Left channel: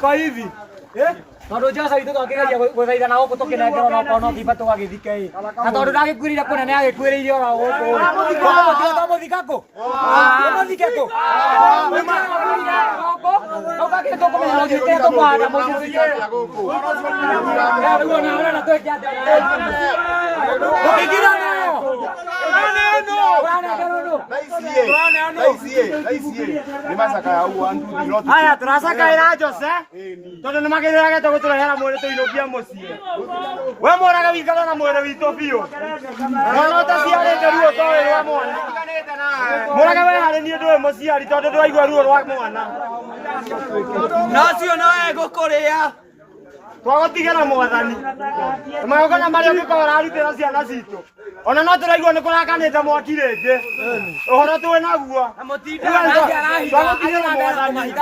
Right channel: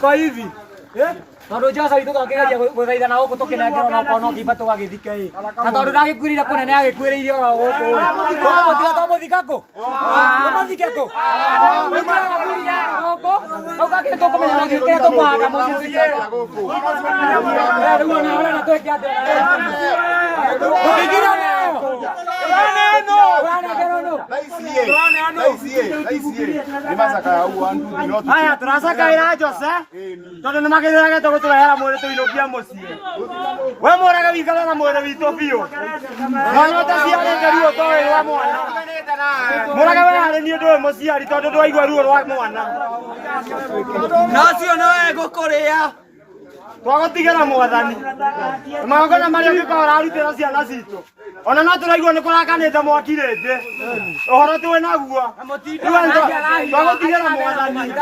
Kwa hivi tondu Josa witũ tũkĩgeria gũthaithana gũkũ tũkĩnengerwo no korwo no kĩimba tũgagĩthike na tondũ ndagĩkuĩrĩire kũnene agĩkuĩrĩire oro gũkũ tũkũmũtiga twamũthika kũ tũmũthike kũ tũmũthike gũkũ tũkagĩ tũkũmenya no gĩũkĩre tũkũhanda mũciĩ tũikare gũkũ rĩu ona ũrenda twĩke atĩa tũkĩgirana haya turacakaĩra Jose tondũ nĩ magĩrĩrage tũgũtũrehera mwĩrĩ tũinũkia mũciĩ we mũrage wĩikare na mwĩrĩ witũ biũ mwana ũtaciarĩte ruo toĩ rwa mwana mũrage we harĩ niĩ ndũĩ mũciari tondũ ndwaigua ruo rwa mwana na ũcio nowe gũkũrĩa twagũtigĩra mwathani magongona marĩa ũngĩkorwo ũrarutĩra ciana citũ ona no tũraigua nĩ kũrakanĩte mwaki rĩngĩ ũhoro twĩ naguo twagũtigĩra mwathani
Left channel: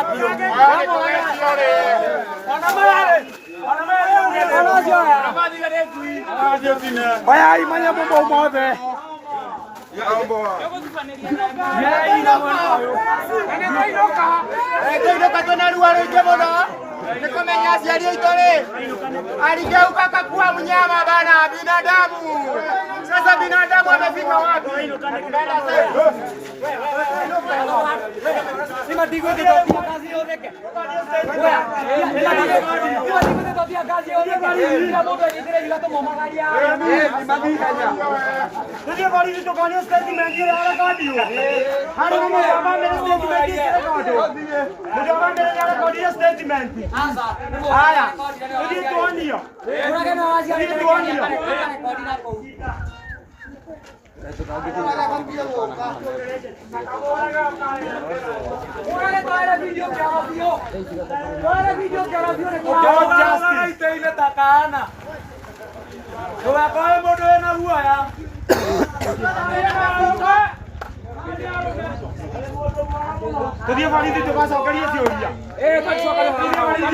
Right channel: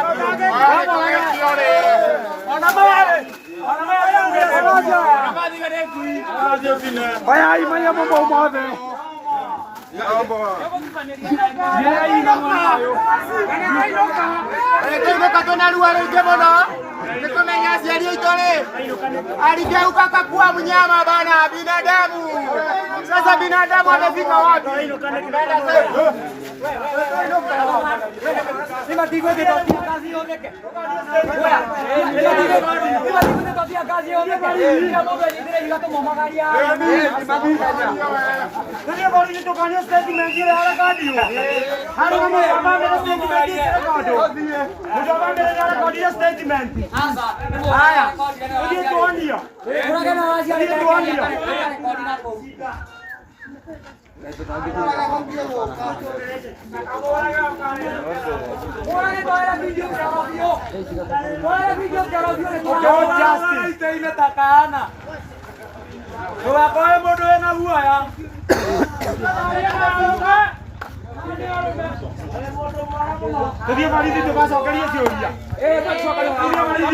bayai maya mambo mothe Nĩkũinũka twĩna ruo rũingĩ mũno nĩkũmenya aciari aitũ rĩ aligeuka kakua mnyama bana binadamu. Sasa binadamu amefika wapi? Haya, ndio tuonio. Ndio tuonio. Tudia marido tu vas a ocaría teoría. Tudia marido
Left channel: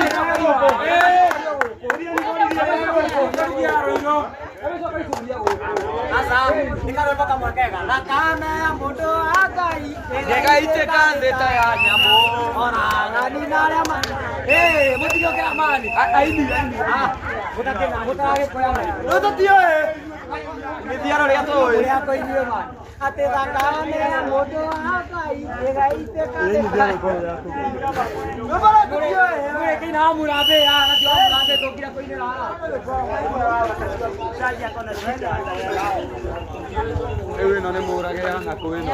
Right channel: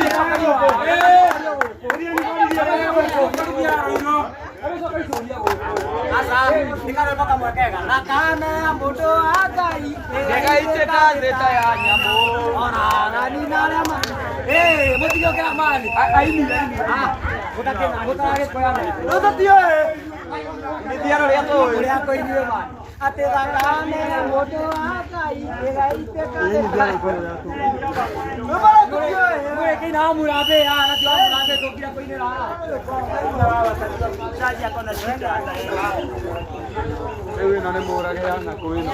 asa nikare mpaka mwekega na kana mundo agai ndegaite kande tayanyamo ora ngani narema mutigio kira mali aini mutakena mutage koya nai utatio ndiaro ria to uri ako inywe mali ate thakane mundo agai ndegaite kande ngure kina amurabe na tio amurabe tokira koinera ewe nane morage yana koeno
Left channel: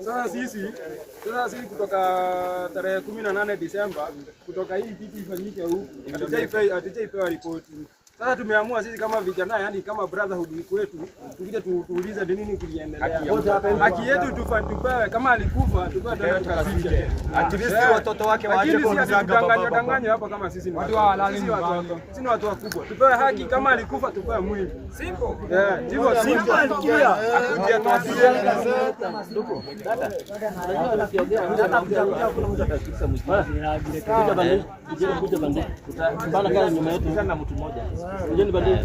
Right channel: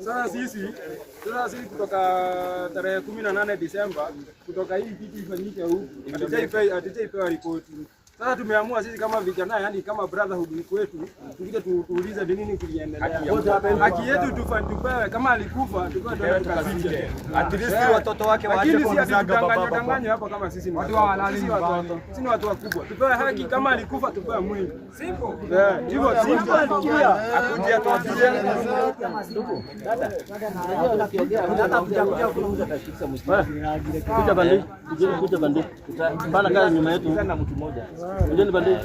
Sasa sisi kutoka tarehe 18 Disemba kutoka hii kitu ifanyike huku hatujaipewa ripoti Sasa tumeamua sisi kama vijana, yani kama brotherhood kwetu, tukuje tuulize ni nini kiliendelea. Haki yetu tupewe, kama alikufa tupewe tena tukazike. At least watoto wake waache kudanganya hapa kama sisi ni watoto. Sisi watoto. Sisi ni watu wakubwa. Tupewe haki, kama alikufa tupewe mwili. Simple. Ndivyo simple. Akuje atuambie. Ndugu, dada. Ukiongea kuna mtu atakisa mjini. Kuja bandi. Tutapanda kazi nyuma yetu sana mtu mmoja. Unajua bandi.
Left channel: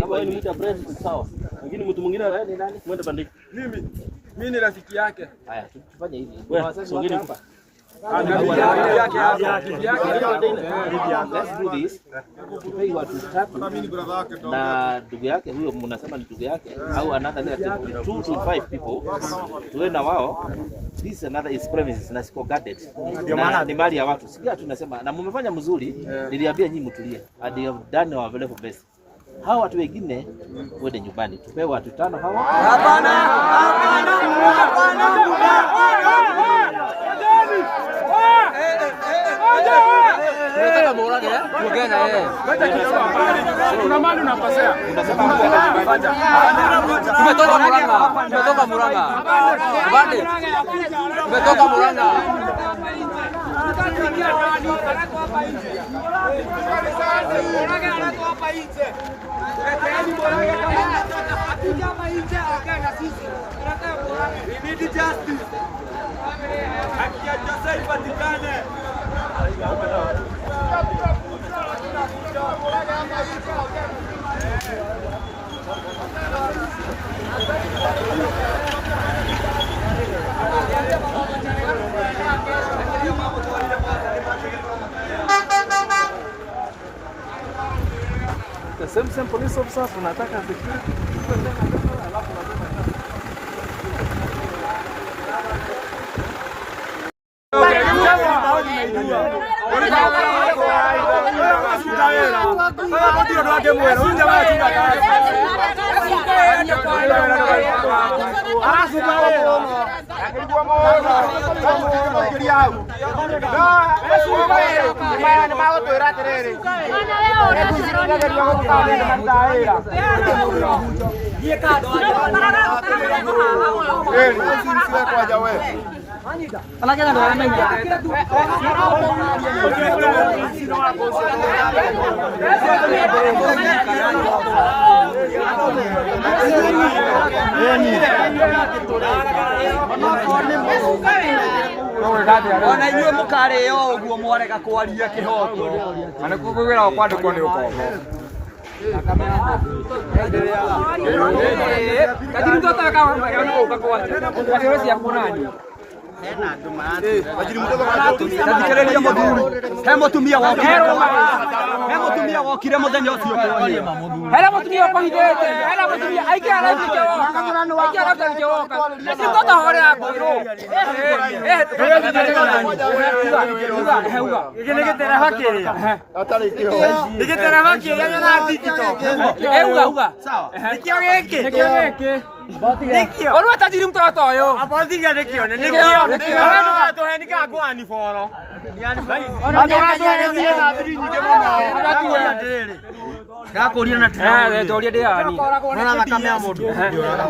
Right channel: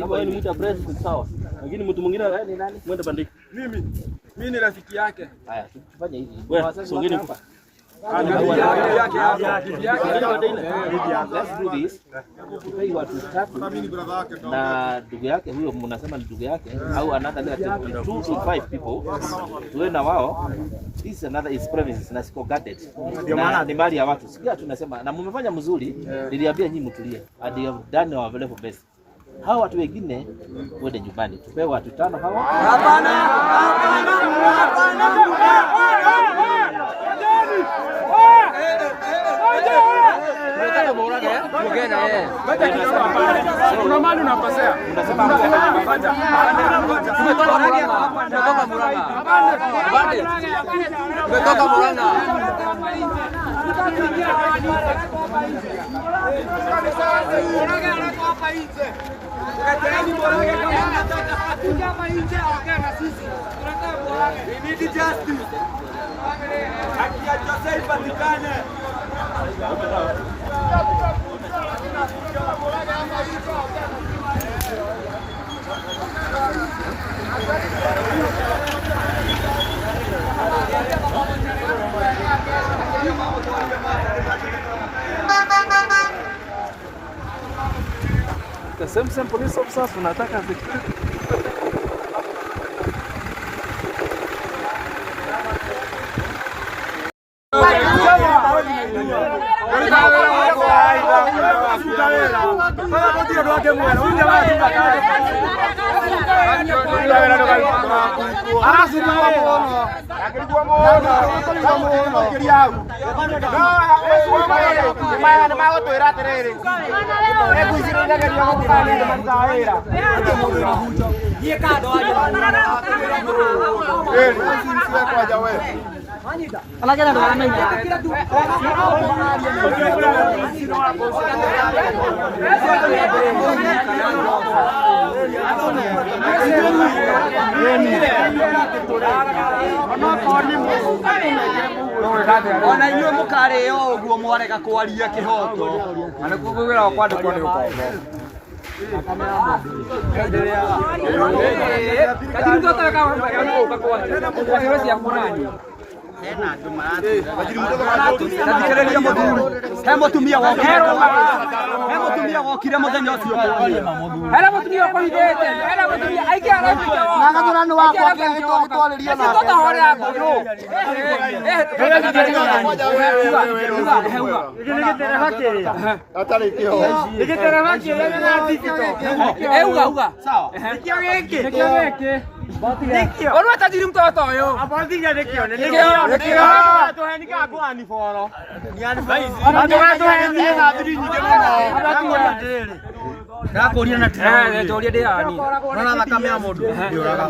Hapa ni ita president sawa. Lakini mtu mwingine wewe ni nani? Mwende bandi. Mimi ni rafiki yake. Haya, tufanye hivi. Wewe hapa. Let's do this. Tupei watu 3 na ndugu yake huyo, mnasema ni ndugu yake au another 2 to 5 people. Tuwe na wao. This another is premises na siko guarded. Na ni mali ya watu. Sikia tunasema na mmefanya mzuri, niliambia nyinyi mtulie. And you have done our level best. Hawa watu wengine wende nyumbani. Tupewe watu 5 hawa. Hapana. Tunataka morale tuongee yeye. Ngoja kidogo hapana. Kuna mali unapasea. Unasema mtu anaje nyumbani. Tumetoka Murang'a. Bande. Tumetoka Murang'a. Murang'a anatoa hapa nje. Tuleteni Murang'a kama hatuja hapa nje ongea na sisi. Tunataka Murang'a. We need justice. Haki ya Jose ipatikane. The same police officers wanataka ona inyuĩ mũkarĩo ũguo mwarega kwaria kĩhoto ana kugwĩra kwandĩkwo nĩ ũkombo akame ya mũndũ endereaga lakini mtoto kama mtaka kwa kwa cia kurani hena andũ maratira lakini mtoto arathikĩrĩria mũthuri he mũtumia wokire mũthenya ũcio kwaria mamuthuri hena mũtumia ũkohithĩte hena mũtumia aingĩ Ono tajiri mtoto huyo. Apoziga nikio. Tuhenika kwa ni foro. Ndakuria na tira. Ndoria ndiani. Nona thakame ya mundu. Ndioraga.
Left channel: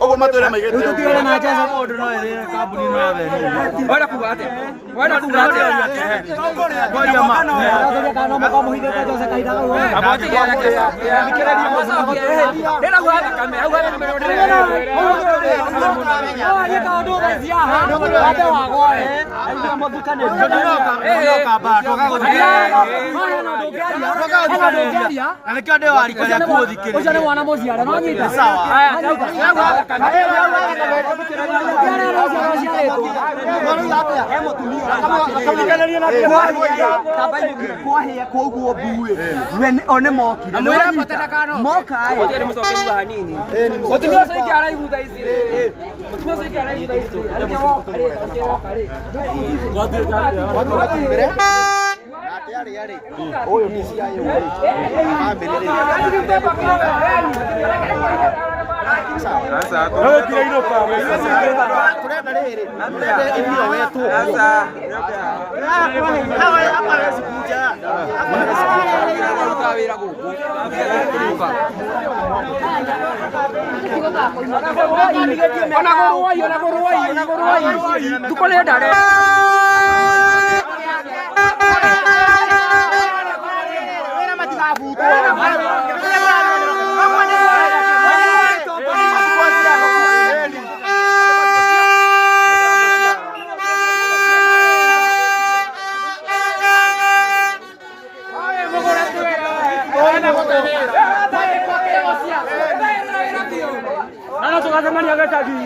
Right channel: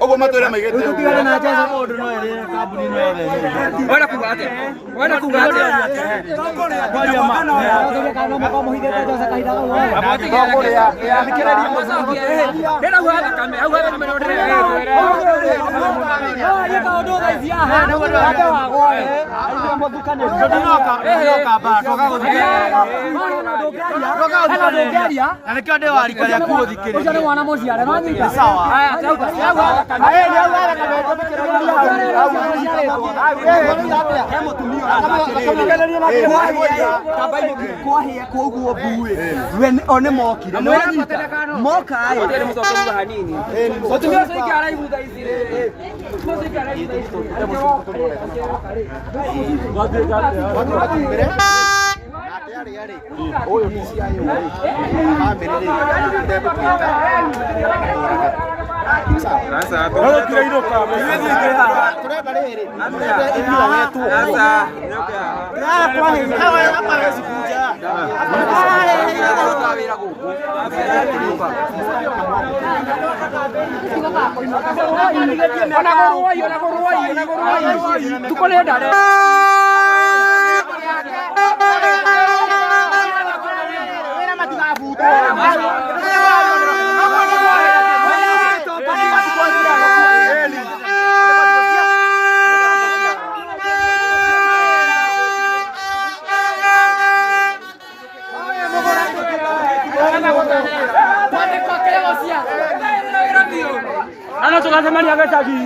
Ogo matwire maigete. Utukire na jaza mundu no ere kambuni no ere. Wala kugate. Kwaria ma. Kana muhithete jaza kaida. Ndikiriria muthuri. Ndira gwa thakame. Au gwa menodire. Oyo ni cia yo family ndego kita sasa no kira ino kamo kurenda riri kurenda ithio wetu hapa hawezi kuja. Hapa hawezi kuja. Tukole dare. Wena matika buto. Ano tukasemani akataki.